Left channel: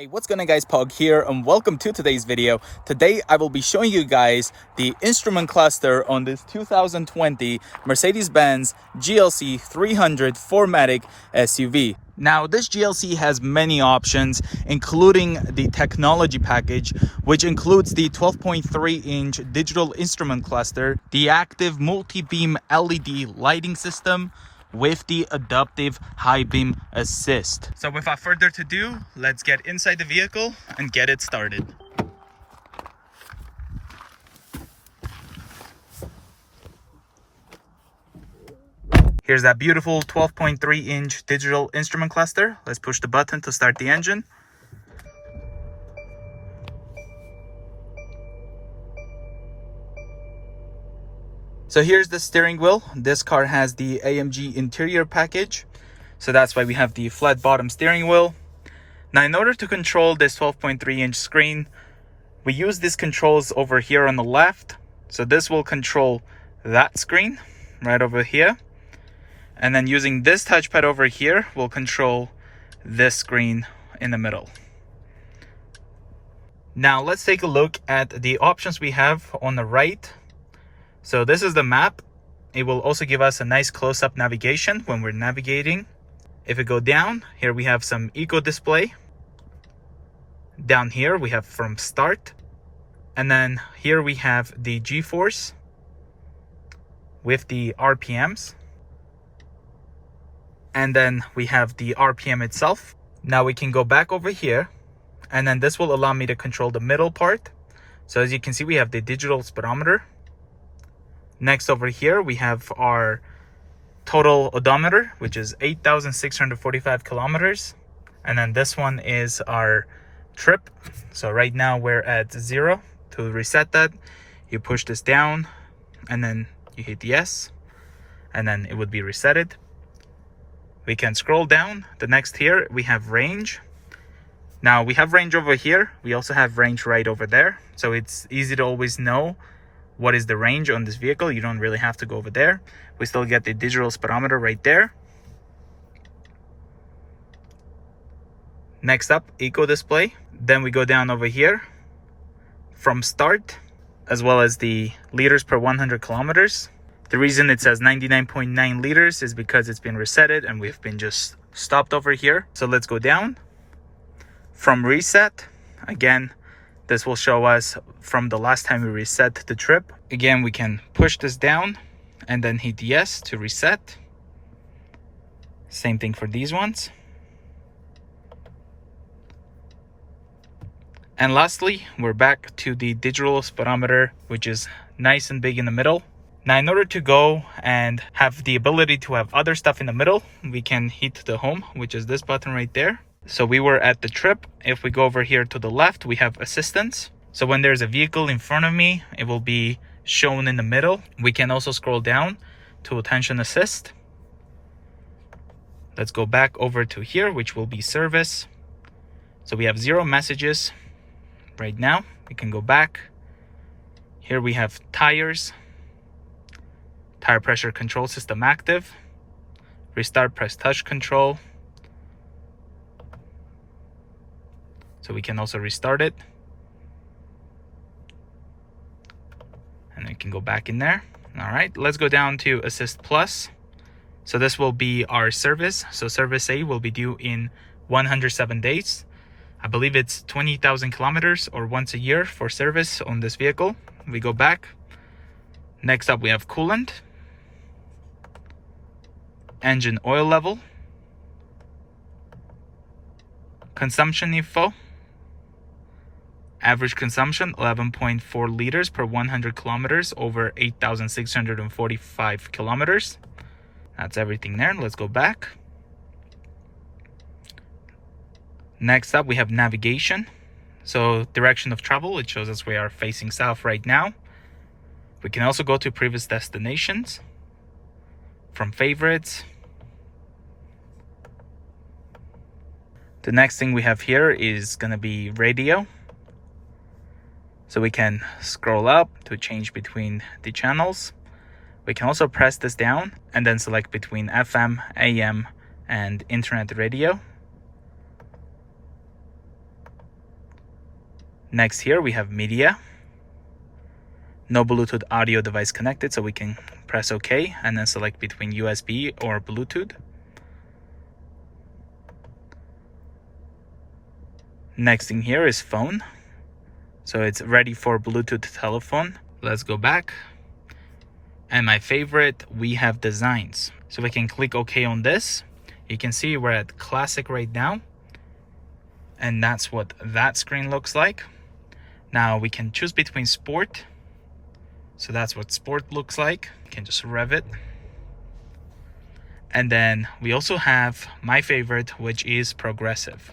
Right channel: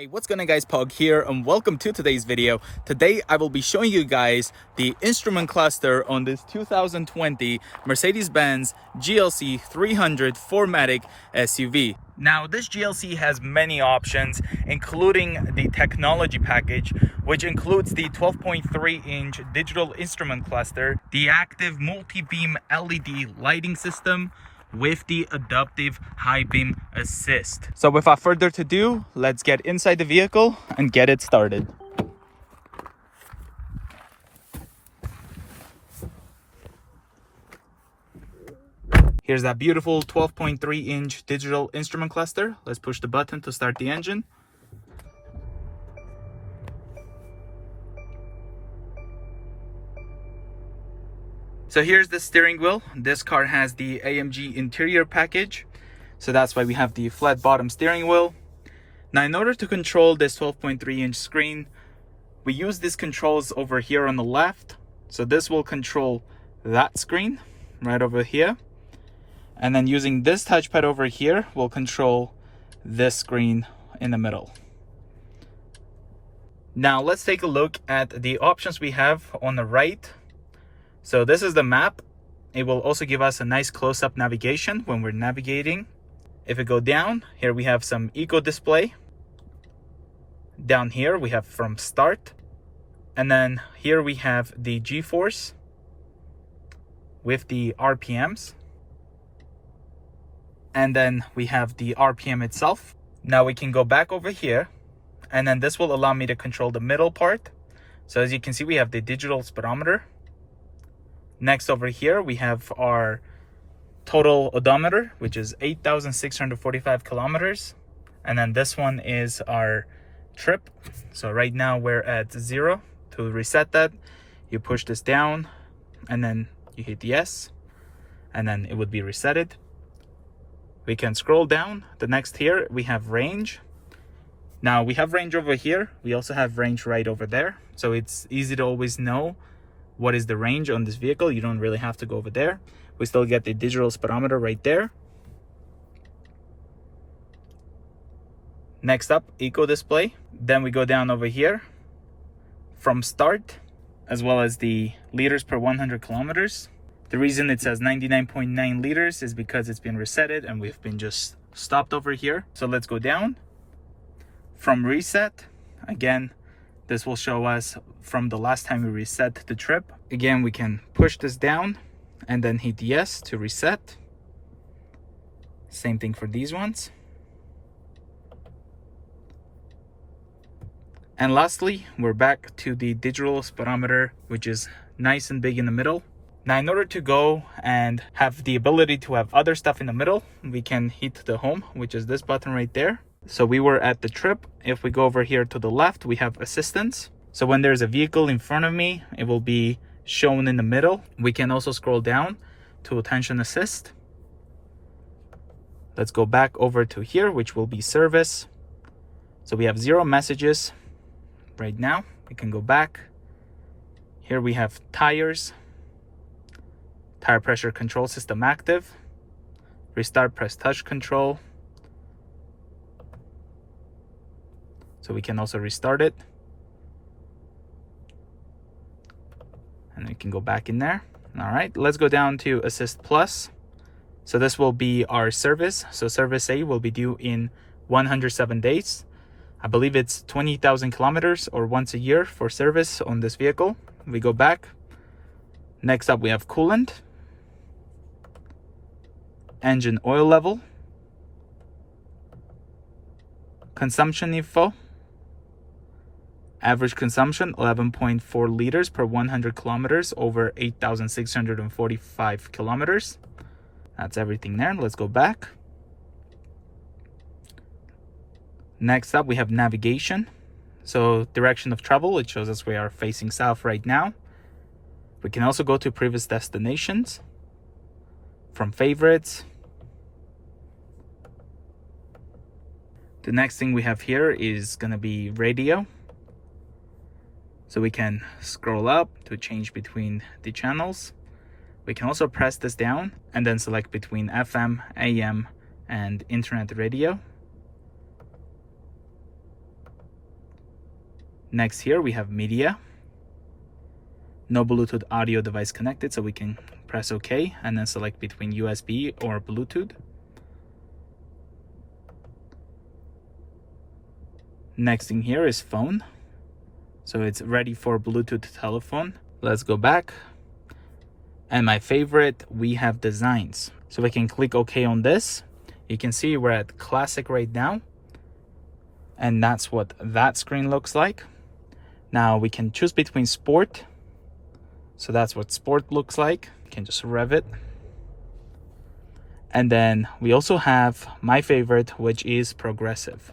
Hey, what's going on guys, Pog here and welcome to today's video. Today I will be showing you guys the instrument cluster on this 2020 Mercedes Benz GLC300 4MATIC SUV. Now this GLC has many options, including the technology package, which includes the 12.3-inch digital instrument cluster, the active multi-beam LED lighting system, with the adaptive high beam assist. So without further ado, let's get inside the vehicle and get it started. Here's that beautiful 12.3-inch digital instrument cluster. Let's push the button to start the engine. So here's the steering wheel. This car has the AMG interior package, so that's why we have the flat bottom steering wheel. Now in order to control this 12.3-inch screen, we use these controls over here on the left. So this will control that screen right over here, and then using this touchpad over here will control this screen in the middle. Now let's take a look at the options we have on the right. So this is the map. It will also give us a nice close-up navigation when we're navigating. If we go down, here we have some eco display. Down here we have from start. And then here we have the G-force with the RPMs. And then we have the RPM itself. Now we can go back over here, and then this will allow me to control the middle part. So as you can see, we have the digital speedometer. Next over here, we have our total odometer, which is 8,645 kilometers. And then this one is our trip. So right now we're at 0. To reset that, you push this down and then you hit yes, and then it would be resetted. We can scroll down. The next here, we have range. Now we have range over here. We also have range right over there. So it's easy to always know what is the range on this vehicle. You don't really have to go over there. We still get the digital speedometer right there. Next up, eco display. Then we go down over here from start, as well as the liters per 100 kilometers. The reason it says 99.9 liters is because it's been resetted and we've been just stopped over here. So let's go down. From reset, again, this will show us from the last time we reset the trip. Again, we can push this down and then hit yes to reset. Same thing for these ones. And lastly, we're back to the digital speedometer, which is nice and big in the middle. Now, in order to go and have the ability to have other stuff in the middle, we can hit the home, which is this button right there. So we were at the trip. If we go over here to the left, we have assistance. So when there's a vehicle in front of me, it will be shown in the middle. We can also scroll down to attention assist. Let's go back over to here, which will be service. So we have 0 messages right now. We can go back. Here we have tires, tire pressure control system active, restart press touch control. So we can also restart it. And we can go back in there. All right, let's go down to Assist Plus. So this will be our service. So service A will be due in 107 days. I believe it's 20,000 kilometers or once a year for service on this vehicle. We go back. Next up, we have coolant, engine oil level, consumption info. Average consumption 11.4 liters per 100 kilometers over 8,645 kilometers. That's everything there. Let's go back. Next up, we have navigation. So direction of travel, it shows us we are facing south right now. We can also go to previous destinations from favorites. The next thing we have here is going to be radio. So we can scroll up to change between the channels. We can also press this down and then select between FM, AM, and internet radio. Next here we have media. No Bluetooth audio device connected, so we can press OK and then select between USB or Bluetooth. Next thing here is phone. So it's ready for Bluetooth telephone. Let's go back. And my favorite, we have designs. So we can click OK on this. You can see we're at classic right now. And that's what that screen looks like. Now we can choose between sport. So that's what sport looks like. You can just rev it. And then we also have my favorite, which is progressive.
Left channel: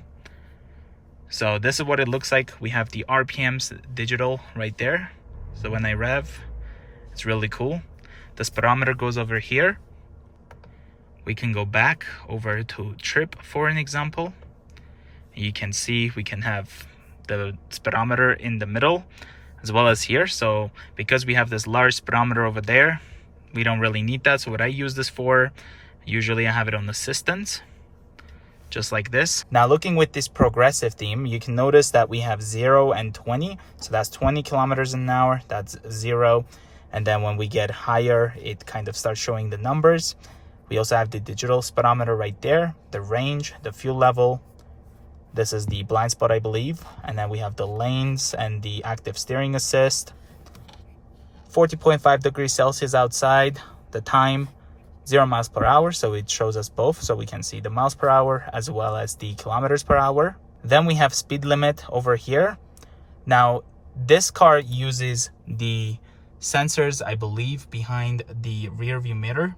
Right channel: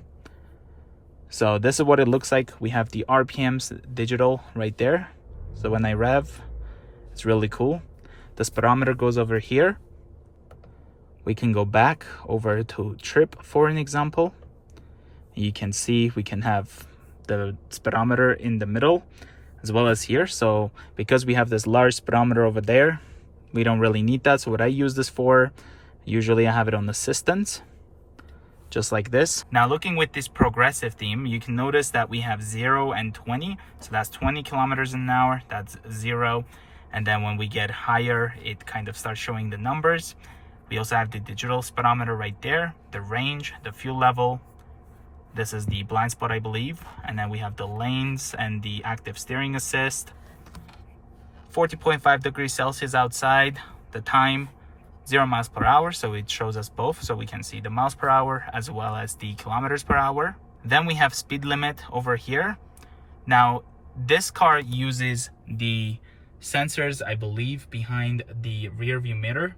So this is what it looks like. We have the RPMs digital right there. So when I rev, it's really cool. The speedometer goes over here. We can go back over to trip for an example. You can see we can have the speedometer in the middle as well as here. So because we have this large speedometer over there, we don't really need that. So what I use this for, usually I have it on assistance, just like this. Now looking with this progressive theme, you can notice that we have 0 and 20. So that's 20 kilometers an hour, that's 0. And then when we get higher, it kind of starts showing the numbers. We also have the digital speedometer right there, the range, the fuel level. This is the blind spot, I believe. And then we have the lanes and the active steering assist. 40.5 degrees Celsius outside, the time, 0 miles per hour. So it shows us both. So we can see the miles per hour as well as the kilometers per hour. Then we have speed limit over here. Now, this car uses the sensors, I believe, behind the rear view mirror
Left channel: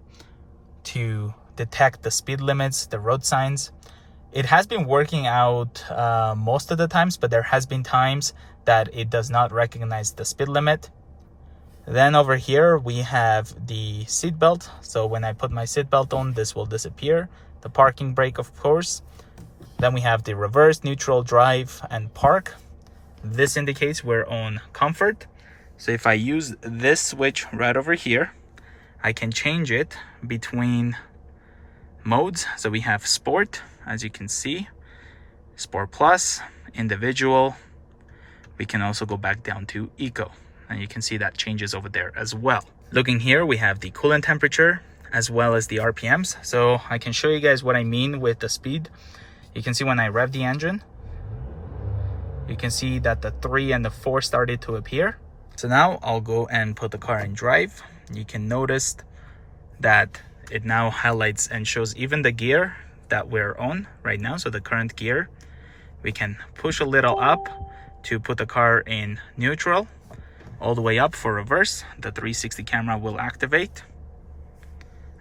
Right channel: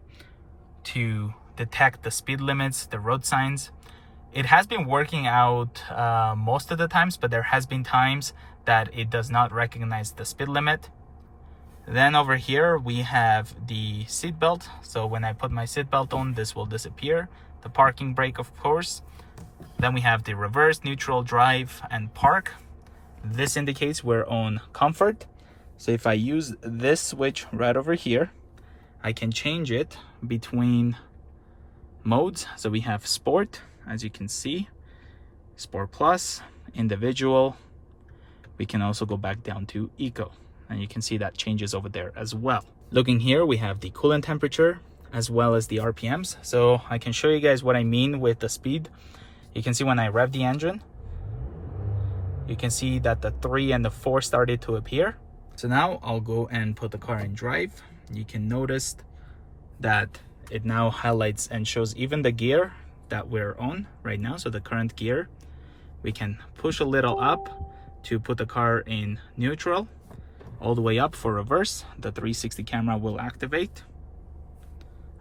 to detect the speed limits, the road signs. It has been working out most of the times, but there has been times that it does not recognize the speed limit. Then over here we have the seat belt. So when I put my seat belt on, this will disappear. The parking brake, of course. Then we have the reverse, neutral, drive, and park. This indicates we're on comfort. So if I use this switch right over here, I can change it between modes. So we have sport, as you can see, sport plus, individual. We can also go back down to eco, and you can see that changes over there as well. Looking here, we have the coolant temperature as well as the RPMs. So I can show you guys what I mean with the speed. You can see when I rev the engine, you can see that the 3 and the 4 started to appear. So now I'll go and put the car in drive. You can notice that it now highlights and shows even the gear that we're on right now. So the current gear, we can push a little up to put the car in neutral, all the way up for reverse. The 360 camera will activate,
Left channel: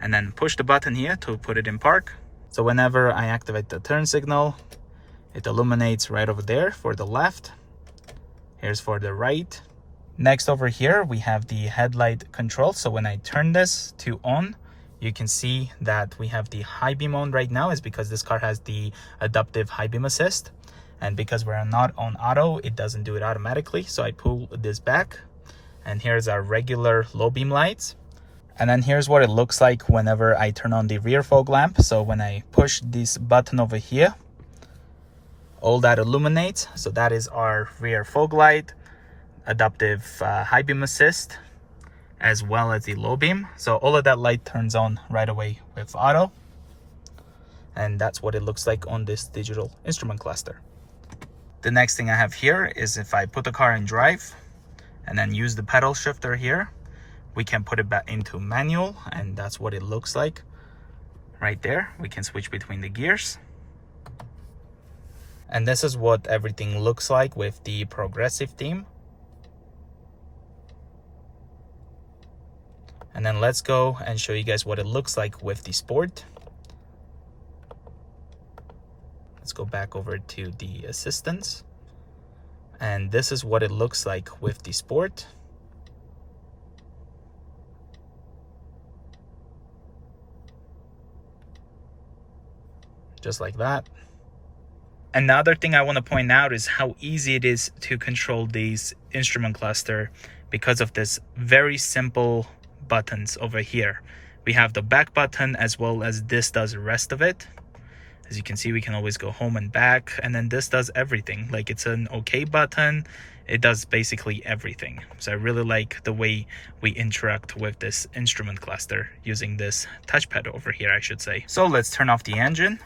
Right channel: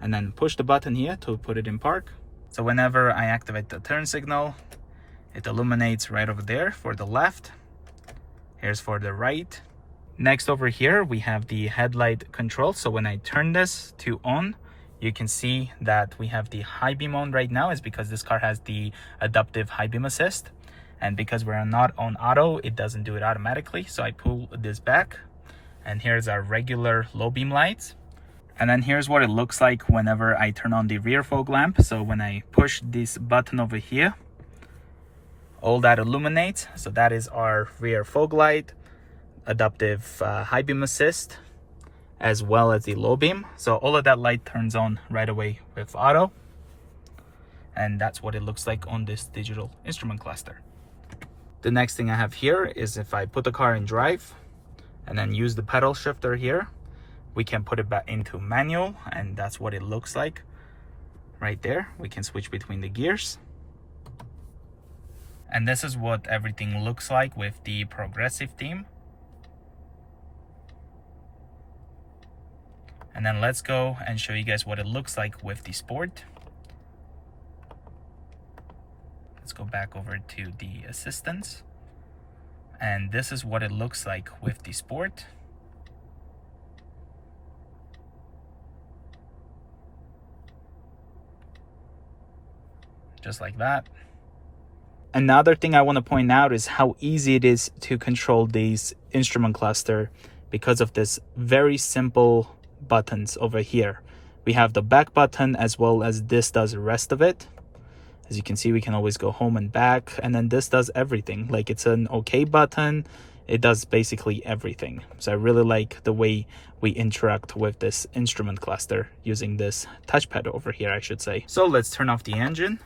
and then push the button here to put it in park. So whenever I activate the turn signal, it illuminates right over there for the left. Here's for the right. Next over here, we have the headlight control. So when I turn this to on, you can see that we have the high beam on right now, is because this car has the adaptive high beam assist. And because we're not on auto, it doesn't do it automatically. So I pull this back, and here's our regular low beam lights. And then here's what it looks like whenever I turn on the rear fog lamp. So when I push this button over here, all that illuminates. So that is our rear fog light, adaptive high beam assist, as well as the low beam. So all of that light turns on right away with auto. And that's what it looks like on this digital instrument cluster. The next thing I have here is if I put the car in drive and then use the pedal shifter here, we can put it back into manual, and that's what it looks like right there. We can switch between the gears. And this is what everything looks like with the progressive theme. And then let's go and show you guys what it looks like with the sport. Let's go back over to the assistance. And this is what it looks like with the sport. Just like that. Another thing I want to point out is how easy it is to control these instrument cluster because of this very simple buttons over here. We have the back button as well as this does the rest of it. As you can see, we can always go home and back, and then this does everything. Like, it's an OK button. It does basically everything. So I really like the way we interact with this instrument cluster using this touchpad over here, I should say. So let's turn off the engine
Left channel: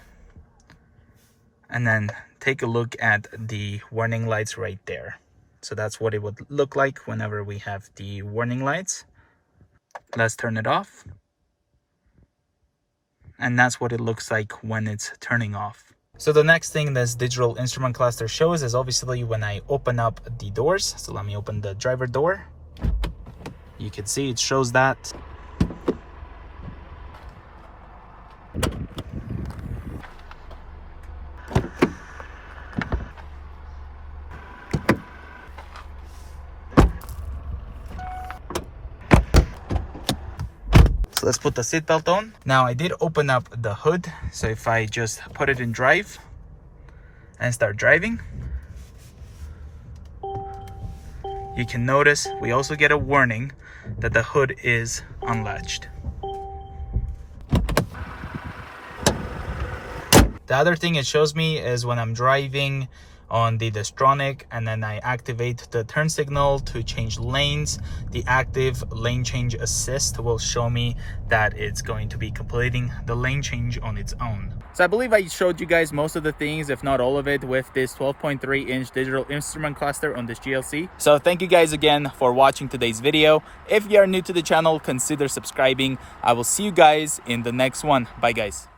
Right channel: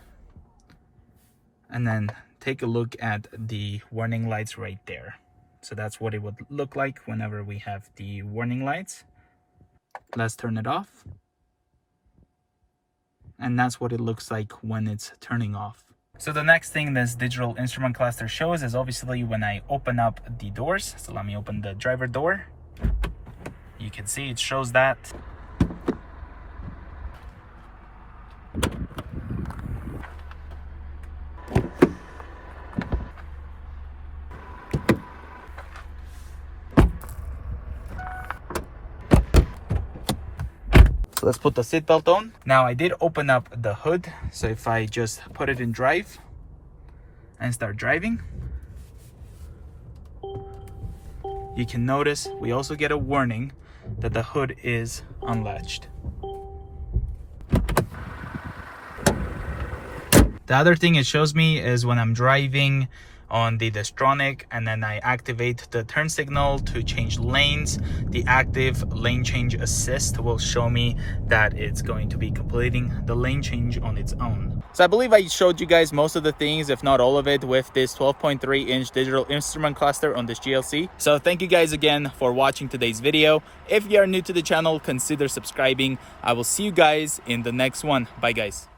and then take a look at the warning lights right there. So that's what it would look like whenever we have the warning lights. Let's turn it off. And that's what it looks like when it's turning off. So the next thing this digital instrument cluster shows is obviously when I open up the doors. So let me open the driver door. You can see it shows that. So let's put the seatbelt on. Now I did open up the hood. So if I just put it in drive and start driving, you can notice we also get a warning that the hood is unlatched. The other thing it shows me is when I'm driving on the Distronic and then I activate the turn signal to change lanes, the active lane change assist will show me that it's going to be completing the lane change on its own. So I believe I showed you guys most of the things, if not all of it, with this 12.3-inch digital instrument cluster on this GLC. So thank you guys again for watching today's video. If you are new to the channel, consider subscribing. I will see you guys in the next one. Bye guys.